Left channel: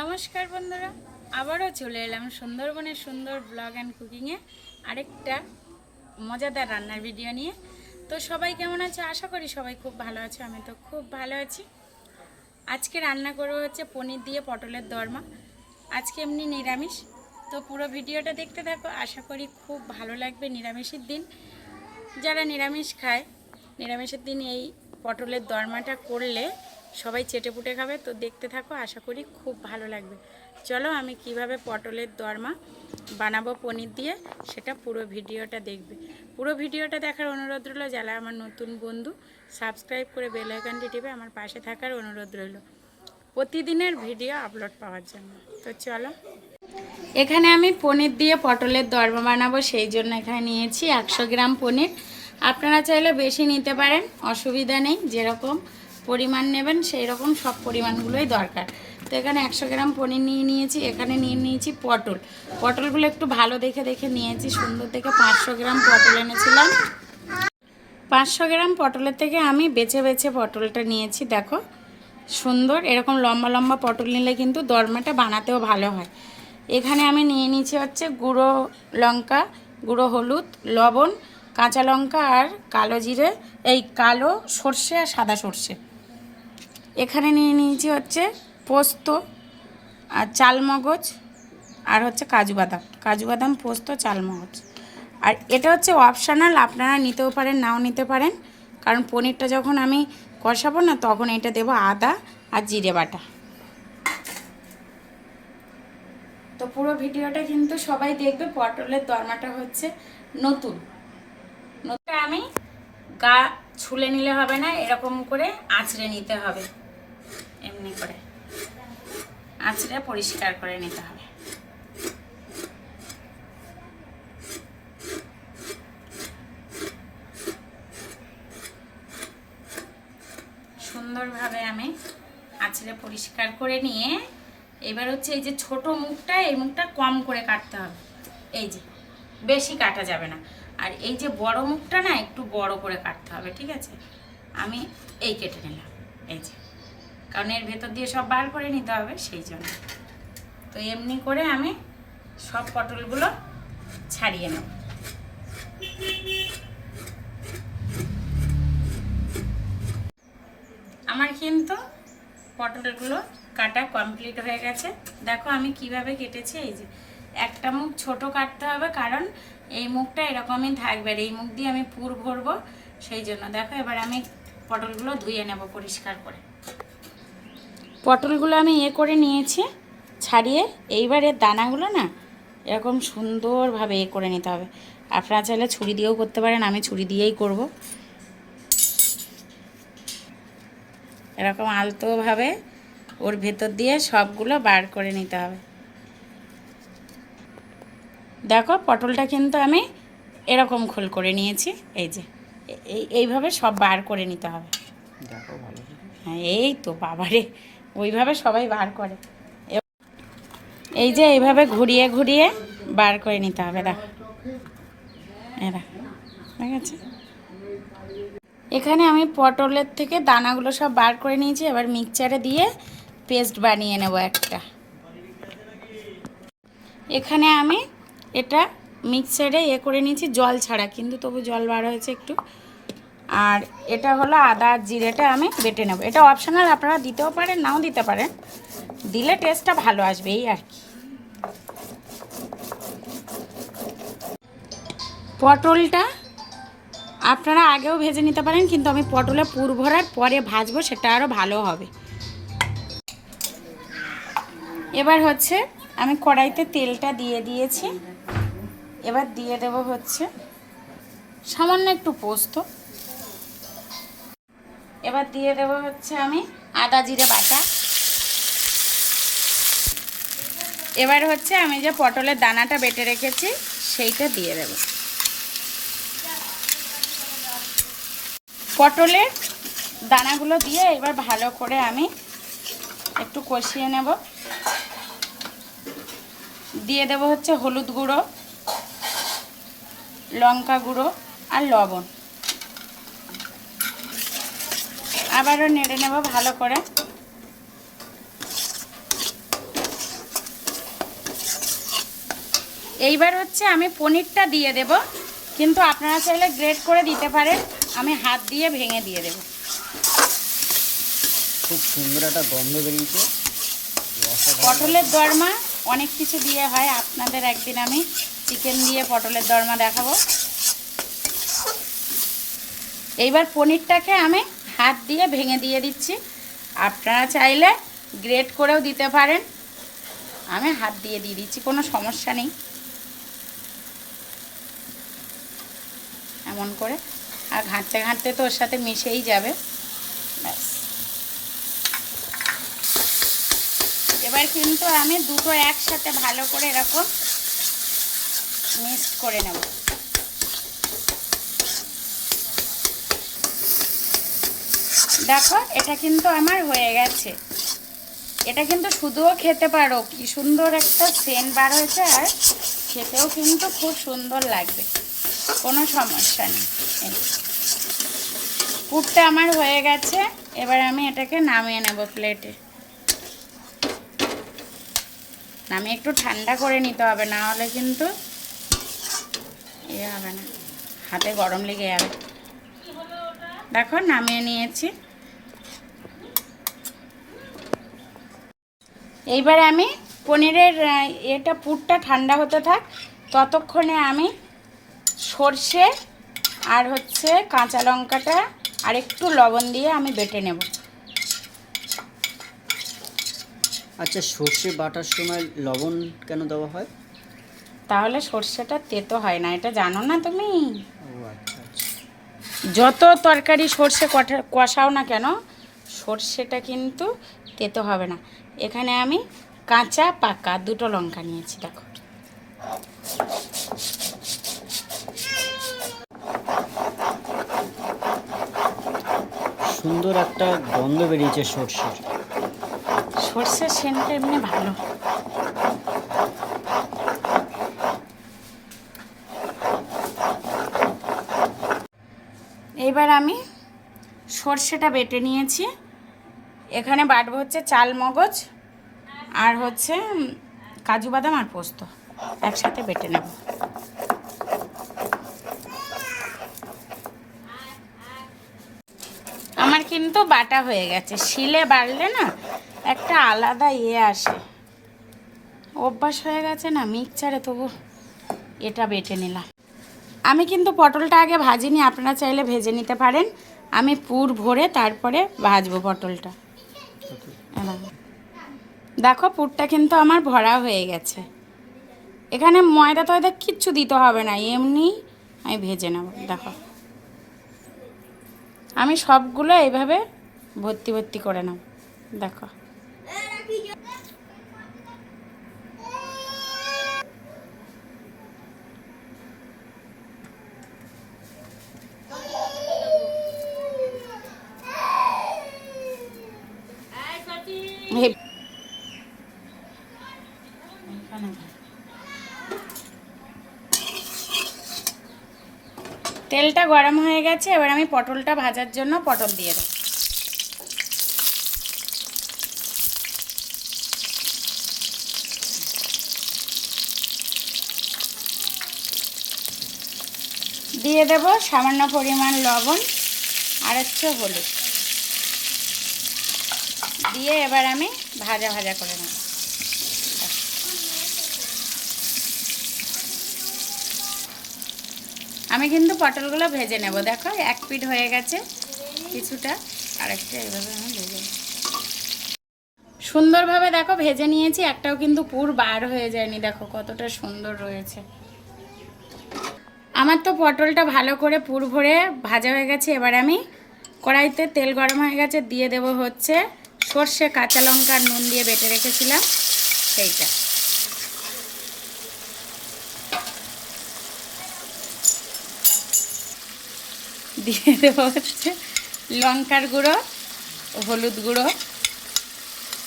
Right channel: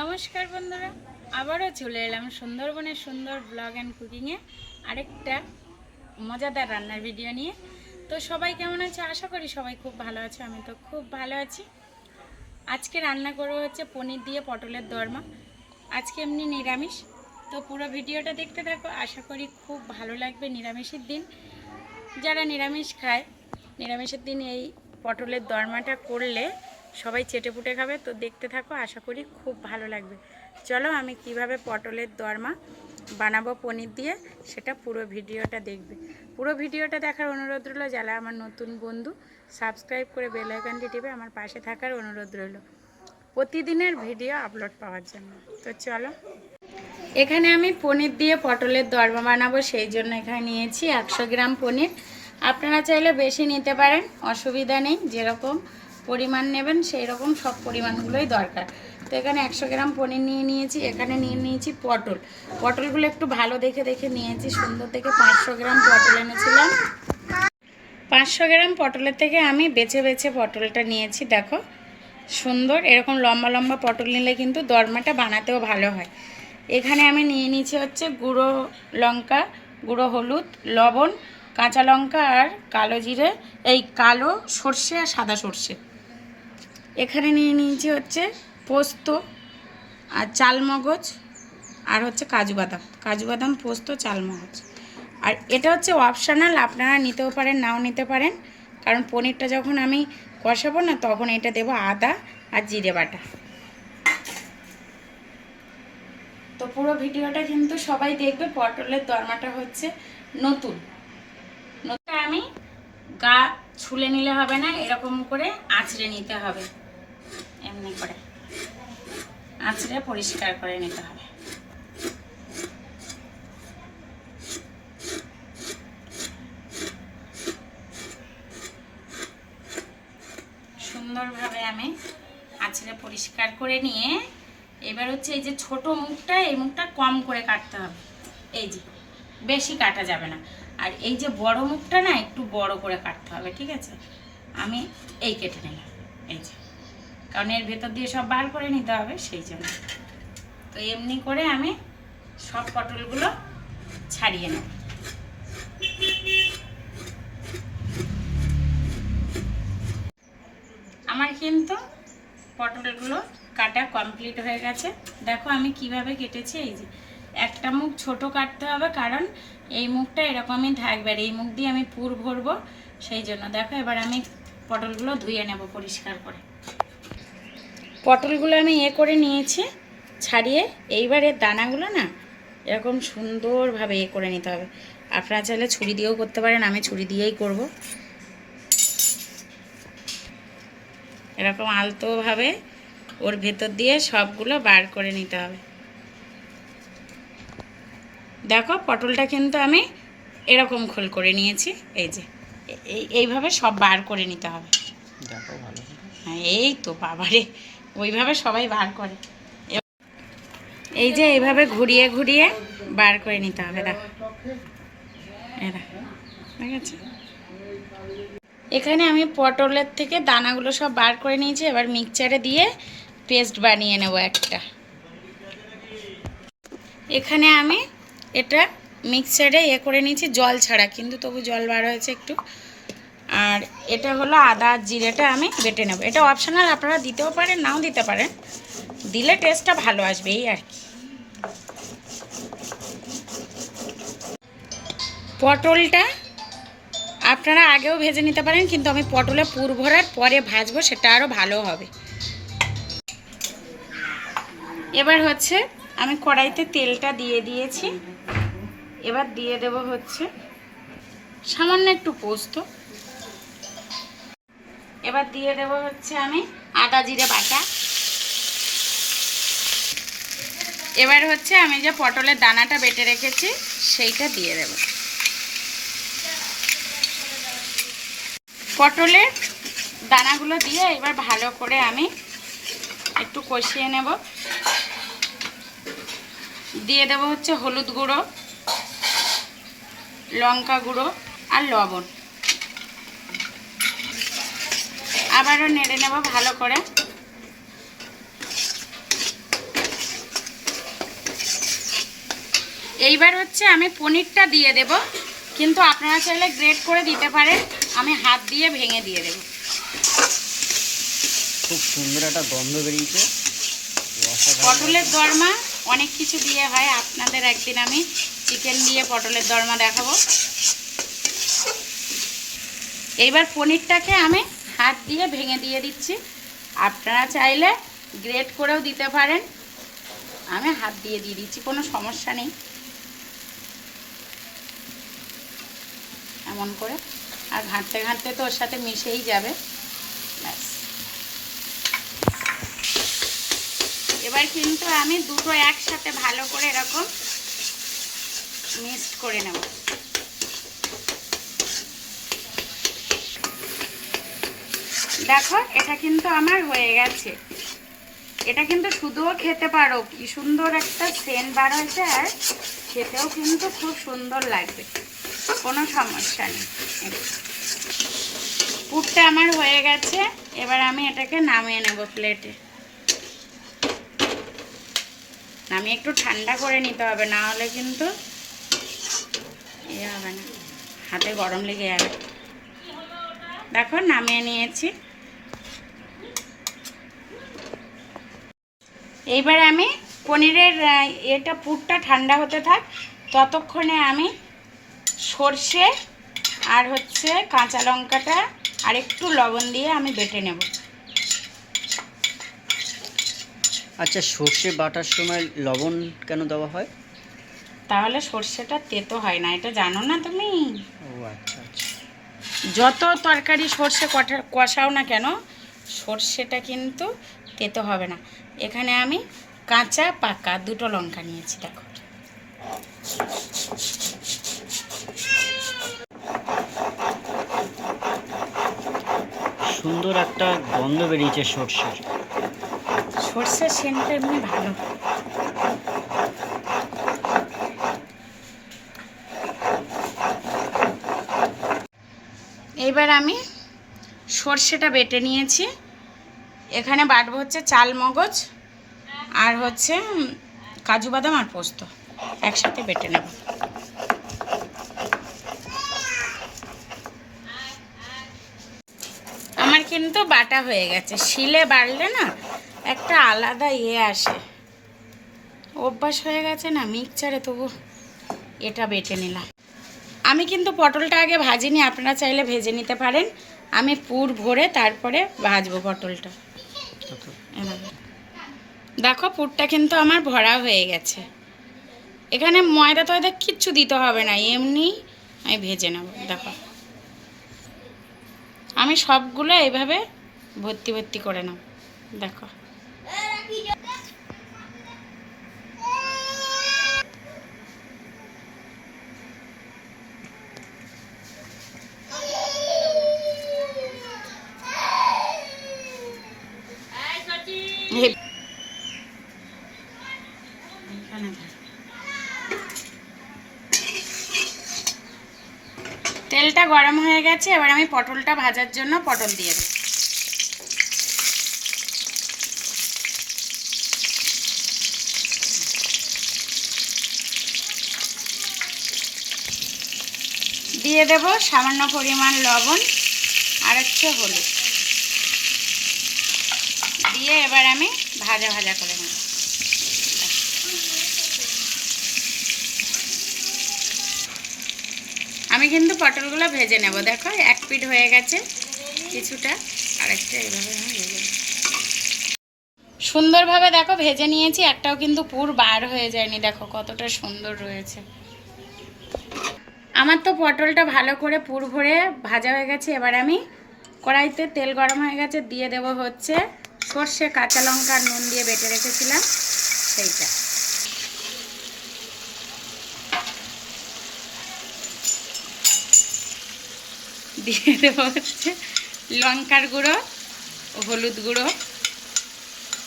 নমস্কার বন্ধুরা, আবারও চলে এলাম সুন্দরবনের সুন্দর ব্লগ অ্যান্ড কুকিংয়ে আরেকটা মজাদার রান্নার ভিডিও নিয়ে। তো সবাই কেমন আছে? আশা করি সবাই খুব ভালো আছে, আমি তো খুব ভালো আছি। আজকে রান্না করব হচ্ছে পনির দিয়ে পটলের দরমা, আজকে এমনি নিরামিষ। তো পুরো ভিডিওটা দেখতে থাকো, আশা করি খুব ভালো লাগবে নিরামিষের দিন। যারা নিরামিষ খায়, নিরামিষের দিন এই পটলের দরমাটা করলে সবাই চেটে পুটে খাবে, তো দেখতে থাকো, আশা করি খুব ভালো লাগবে। চলো আমি কীভাবে পটলের দরমা বানাবো পনির দিয়ে, সেটা পুরো ভিডিওটা দেখবে। পুরো ভিডিওটা দেখার অনুরোধ রইল যারা আমার নতুন বন্ধু, সাবস্ক্রাইব করে বেল আইকনটি টিপে আমার পাশে থাকার অনুরোধ রইল। প্রতিদিনের ভিডিও আপলোড পাওয়ার জন্য। তো চলো। এখানে আমি পনির দিয়ে পটলের দরমা বানাবো, সেই জন্য এখানে নিয়েছি একশো গ্রাম পনির। আপনারা চাইলে বেশি নিতে পারেন, অসুবিধা নেই, যেরকম পরিমাণ নেবেন, সেই রকম সব পরিমাণগুলোই দরকার। তো এখানে একশো গ্রাম পনির নিয়ে নিয়েছি, এখানে নিয়ে নিয়েছি পটল। পটলগুলো একটু ভালো দেখে দেখে নিয়েছি, সুন্দর দেখে পাঁচশো গ্রাম পটল এনেছিলাম। পাঁচশো গ্রাম পটলের থেকে আমি বেছে বেছে পটলটা নিয়েছি, দেখো। সুন্দর, এরকম লম্বা লম্বা পটল নিলে কিন্তু দরমাটা বানাতেও ভালো হয়। এখানে আমি নিয়ে নিয়েছি হচ্ছে গুঁড়ো লঙ্কা, গুঁড়ো হলুদ, লবণ, কাঁচা লঙ্কা আর কালো জিরে, এই কালো সর্ষে আর সাদা সর্ষে। এখানে নিয়ে নিয়েছি হচ্ছে পোস্ত আর চালমগজ আর হচ্ছে কাজু বাদাম। কাজু বাদাম, পোস্ত, চালমগজ। আর এটা হচ্ছে অপশানাল আপনারা নিতেও পারেন, নাও নিতে পারেন। কারণ পনিরটা যখন আমি কষাবো না, তখন এটা দেবো আদা আর জিরে বাটা। তো পুরো ভিডিওটা কিন্তু সবাই দেখবে, পটলের দরমাটা হচ্ছে নতুন। নতুন আমি গা ছুলে নিলে হবে না, এরকম করে আঁচড়ে নিতে হবে। এমনি করে। আঁচড়ে পরিষ্কার করে নিতে হবে। সুন্দরভাবে আমি আঁচড়ে পরিষ্কার করে নিয়ে এবার হচ্ছে এই যে ছোট মুখটা, এই মুখটা কম করে কাটতে হবে। এই যে, বেশি কাটা যাবে না। আর এই যে বড় মুখটা না, একটু বড় করে কাটতে হবে, ঠিক আছে? আমি এই কেটে নিলাম। এই যে। কারণ এর ভেতর দিয়ে সব বার করে নিতে হবে সেই জন্য। তো এমনি করে আমি সব পটলগুলো ছাড়িয়ে নেব। আমার কিন্তু পটলগুলো কাটা কমপ্লিট হয়ে গেছে। দেখো আমি কীভাবে কেটেছি, এই যে একটা মুখ ছোট কাটতে হবে কারণ এই মুখটা এরকমই থাকবে এই মুখ দিয়ে আমি পুর ভরবো সেই জন্য। দেখো এবার আমি পটলগুলো ধুয়ে নেব পরিষ্কার করে। পটলগুলো আমি এ করে নিয়েছি ছাড়িয়ে এইবারে দানাগুলো না এরকম সুন্দরভাবে এ করে নিতে হবে। আপনারা চাইলে ছুরি দিয়েও করতে পারেন আমি ছুরি দিয়েই করব। এরকম আলতোভাবে ওর ভেতর দিয়ে সবগুলো বার করে নিতে হবে। দেখো পটলটা কিন্তু আমি এরকম খোল করে নিয়েছি এই যে এই এইভাবে সব বার করে নিতে হবে। দেখো ভালো হ্যাঁ এই তো বাবারে ওইভাবে সবাই বার করে। এই যে এইভাবে ঘুরিয়ে ঘুরিয়ে বার করে নিতে হবে দেখো এরা এখানে আমি পটলের থেকে দানাগুলো সব বার করে নিয়েছি, এবার মিক্সচারে দিয়ে পেস্ট বানিয়ে নেব একটা। এখানে আমি এটা মিক্সচারে এ করে নিয়েছি, জল ছাড়া, কিন্তু তবু জল বার হয়েছে একটু। আর এটা হলো আদা জিরেটা আমি বেটে নেব। এটা অপশনাল আপনারা দিতেও পারেন, নাও দিতে পারেন। দিলে টেস্টটা ভালো আসবে, এই আর কি। পটলটা আপনারা আগেও ভেজে নিতে পারেন, কিন্তু আমি পটলে পুর ভরার পরে ভাজবো, সেটা আরও ভালো হবে। এবার হচ্ছে আমি কড়াইতে তেলটা দিয়ে দিয়েছি। এবার দিয়ে দেব হচ্ছে সামান্য একটু পোস্ত। এবার দিয়ে দেব হচ্ছে আমি আদা জিরে বাটা। এবার হচ্ছে আমি যে পটলের দানাটা বেটে রেখেছি, সেইটা দিয়ে দেব। পটলের দানাগুলো দিয়ে এবার ভালো করে আমি একটু কষিয়ে নেব। দিয়ে দেব হচ্ছে হলুদ গুঁড়ো, লঙ্কা গুঁড়ো আর লবণ। আবারও নেড়ে নেব ভালো করে। এইবার হচ্ছে আমি পনিরটা দিয়ে দেব কিন্তু আপনারা চাইলে গ্রেট করে দিতে পারেন আমি হাত দিয়ে ভেঙে দিয়ে দেব। খুব সুন্দর একটা গন্ধ বেরিয়েছে। পটলের দরমা অনেক কিছু দিয়ে হয় আপনাদের একদিন আমি চিকেন দিয়ে পটলের দরমা দেখাবো। এইবার পনিরটাকে আমি হাত দিয়ে ভেঙে দিয়ে দিচ্ছি। আপনারা চাইলে গ্রেট করেও দিতে পারেন। আমি হাত দিয়ে দিয়ে দিচ্ছি, কোনো সমস্যা নেই। এমন করে। আর ঘাঁটতে ঘাঁটতে তো ওর সাথে মিশেই যাবে। ব্যাস। এবার কিন্তু আমি দুটো একসাথে ভালো করে এরকম মিক্সড করে নেব। দেখো, এটা কিন্তু আমার হয়ে গেছে। এটা কিন্তু শুধুও খেতে পারো, কি সুন্দর একটা সেন্ট বার হয়েছে, আর খেতেও কিন্তু খুব সুন্দর লাগবে। কোনো সমস্যা নেই। পুরটা আমার হয়ে গেছে, এবার আমি এটাকে নামিয়ে নেব প্লেটে আমি একটু ঠান্ডা করে নিতে হবে, না হলে কিন্তু ইয়ে হবে না। হাতে গরম লেগে যাবে। দেখো, নামিয়ে নিয়েছি। এইবার আমি পনিরের এটা পুরটা ঠান্ডা হতে থাক ততক্ষণে আমি সর্ষে আর হচ্ছে কাঁচা লঙ্কাটা আর একটু লবণ দিয়ে আমি বেটে নেব। আচ্ছা সর্ষে বাটার সময় লবণ কেন দেওয়া হয়? তাহলে সর্ষেটা তেতো হয় না এটা জানো না তুমি? ও আচ্ছা আচ্ছা। যত তরকারি সর্ষে কষা- কষাও না কেন সর্ষেটা কিন্তু তেতো হবে না। এখানে আমি কাঁচা পাকা দুটো লঙ্কা নিয়েছি দেখো। সুন্দর একটা গন্ধ বেরিয়েছে সর্ষের। সর্ষের সেন্টটা এমনি ভালো। এইবার আমি সর্ষেটা বেটে নিয়েছি। এখানে বাটবো হচ্ছে চাল মগজ আর হচ্ছে কাজু বাদাম আর পোস্ত। একসাথে বেটে নেব। আমার কিন্তু বাটা হয়ে গেছে। শিলে বাড়লে না একটা আলাদা ইয়ে আসে। অভ্যাস হয়ে গেছে না মিক্সচারে, তবু এটা বেটে নিলাম। আমি কিন্তু পটলটা আগে ভাজিনি, আপনারা চাইলে ভেজে নিতে পারেন। আমি পুর ভরে তারপরে ভাজবো পটলটা। দেখো, পুরটা কিন্তু আমার ভরা হয়ে গেছে। এখানে ময়দা টয়দা কিচ্ছু দিতে হবে না, এমনি আমি ভেজে নেব, দেখো। আমি সবগুলো এভাবে ভর্তি ভর্তি করে নেব, দেখো। তেলটা গরম হয়ে গেছে, এবার আমি পটলটা ভাজার জন্য পটল দিয়ে দেবো। দিয়ে দেব সামান্য পরিমাণ লবণ আর হচ্ছে হলুদ। দিয়ে এবার আমি ভাজা ভাজা করে নেব। আমি কিন্তু পটলগুলো ভেজে নেব। দেখো, এক পিঠ হয়ে গেছে কিছুটা, আরেকটা এইভাবে আমি ভেজে সুন্দরভাবে দেখো, ভেজে নিয়েছি, একটাও কিন্তু পুর বার হয়ে যায়নি। দেখো, কতটা সুন্দর রয়েছে। আমার তো পটলটা ভালো করে পুর ভরে ভাজা হয়ে গেছে। এবার আমি কড়াইতে তেল গরম হয়ে গেছে, দিয়ে দেব হচ্ছে সর্ষে, কাঁচা লঙ্কা নুন দিয়ে বেটে রেখেছিলাম। সেইটা। দিয়ে দেবো হচ্ছে লঙ্কার গুঁড়ো, হলুদ গুঁড়ো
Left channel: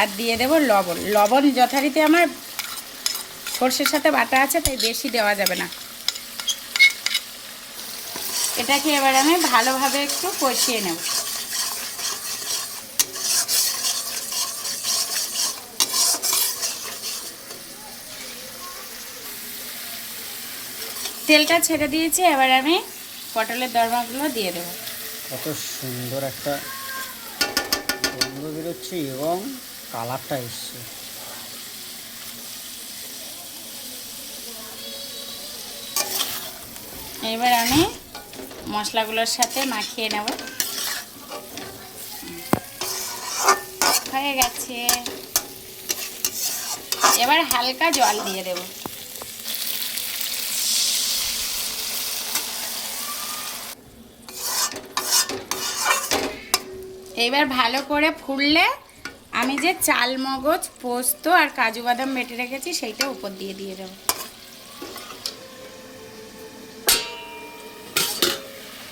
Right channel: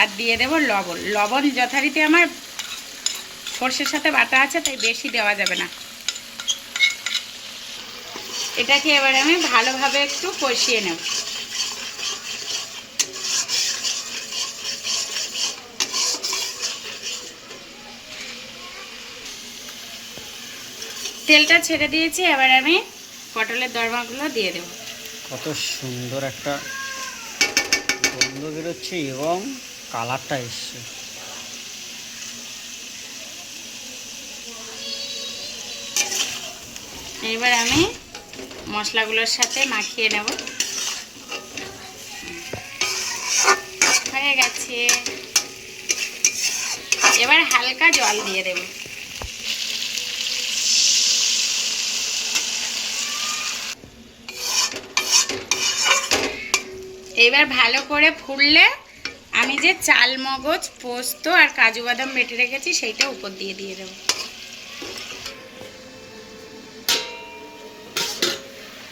আর দিয়ে দেব লবণ। লবণ যথারীতি আমার সর্ষের সাথে বাটা আছে, তাই বেশি দেওয়া যাবে না। এটাকে এবার আমি ভালোভাবে একটু কষিয়ে নেব। তেলটা ছেড়ে দিয়েছি এবার আমি পটলের দরমাগুলো দিয়ে দেবো। কত সুন্দর একটা গন্ধ বেরোচ্ছে এবং কালারটা এসছে। এবার আমি মশলাগুলোর সাথে মাখিয়ে নেব। হয়ে গেছে। এবার হালকা জল দিয়ে দেব। এবার ভালো করে ফুললে আমি যে চাল, মগজ, পোস্ত আর কাজু বাদাম বেটে রেখেছি, সেইটা উপর দিয়ে দিয়ে দেবো।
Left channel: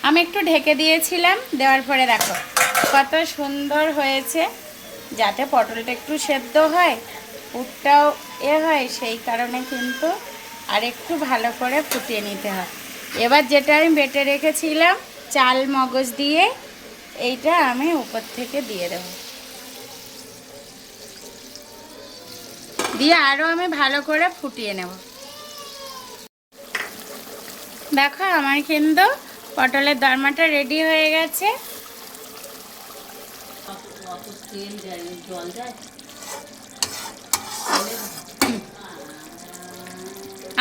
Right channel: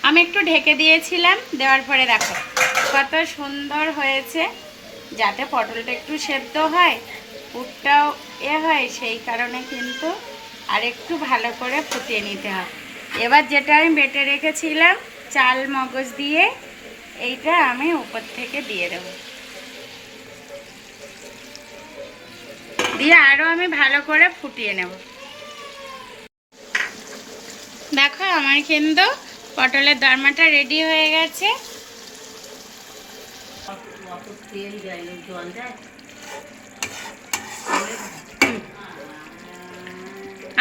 আমি একটু ঢেকে দিয়েছিলাম, দেওয়ার পরে দেখো কত সুন্দর হয়েছে। যাতে পটলটা একটু সেদ্ধ হয়, পুরটাও এ হয়, সেই কারণে কিন্তু আর একটু ভালো করে ফুটিয়ে নিতে হয়। এবার যেটা আমি বেটে রেখেছিলাম, চাল, মগজ দিয়ে এইটা আমি উপর থেকে দিয়ে দেব। দিয়ে আরও আমি ভালো করে ফুটিয়ে নেব। দেখো আমার কিন্তু পটলের দরমাটা রেডি হয়ে গেছে।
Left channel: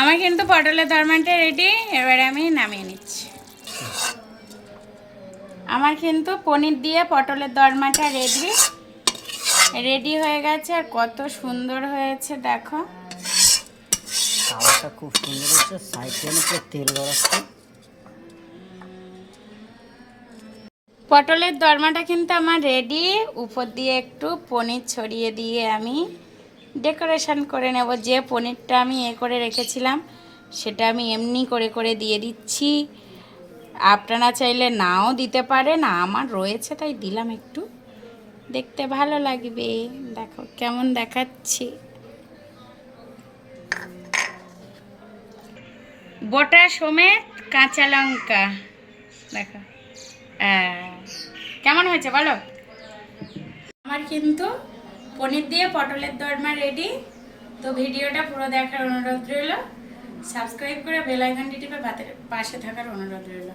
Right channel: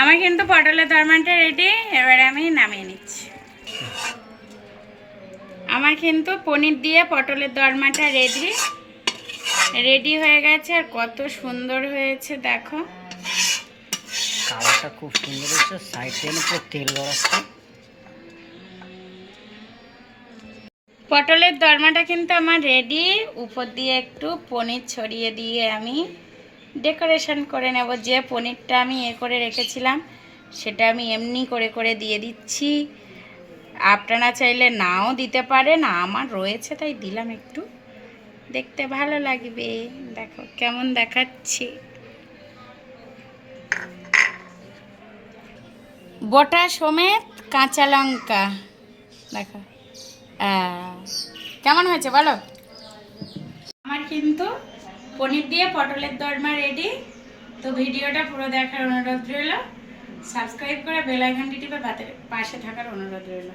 আমার কিন্তু পটলের দরমাটা রেডি এবারে আমি নামিয়ে নিচ্ছি। আমার কিন্তু পনির দিয়ে পটলের দরমাটা রেডি রেডি হয়ে গেছে আর কত সুন্দর হয়েছে দেখো। কালারটা খুব সুন্দর হচ্ছে সাইড থেকে পুরো তেল গড়াচ্ছে পটলের দরমাটা কিন্তু আমার রেডি উপর দিয়ে একটু পনির ছড়িয়ে দিয়ে আমি ডেকোরেশন করে নেব। যে পনিরটা আমি এ করে রেখেছিলাম সেটা আমি এমনি করে করে দিয়ে দিচ্ছি। আপনারা চাইলে নাও দিতে পারেন আমার রয়েছে তাই দিলাম একটু। দেখতে ভালো লাগবে। দেখো কেমন দেখাচ্ছি। গোটা সমেত কাঁচা লঙ্কা। দেখো। আহ, কেমন হয়েছে বলো? আমার কিন্তু পনির দিয়ে পটলের দরমা রেডি তো ভিডিওটা পুরো দেখার অনুরোধ রইল। সাবস্ক্রাইব করে বেল আইকনটি টিপে পাশে থাকার অনুরোধ রইল।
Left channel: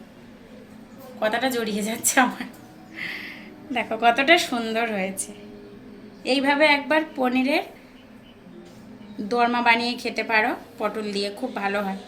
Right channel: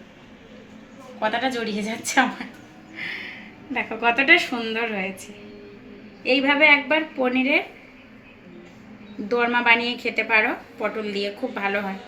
কথাটা জড়িয়ে যাচ্ছে আমার। দেখো, কতটা সুন্দর হয়েছে। এইভাবে একবার পনিরের দরমা বানিয়ে খেতে পারো, পটল দিয়ে, খুব ভালো হয়।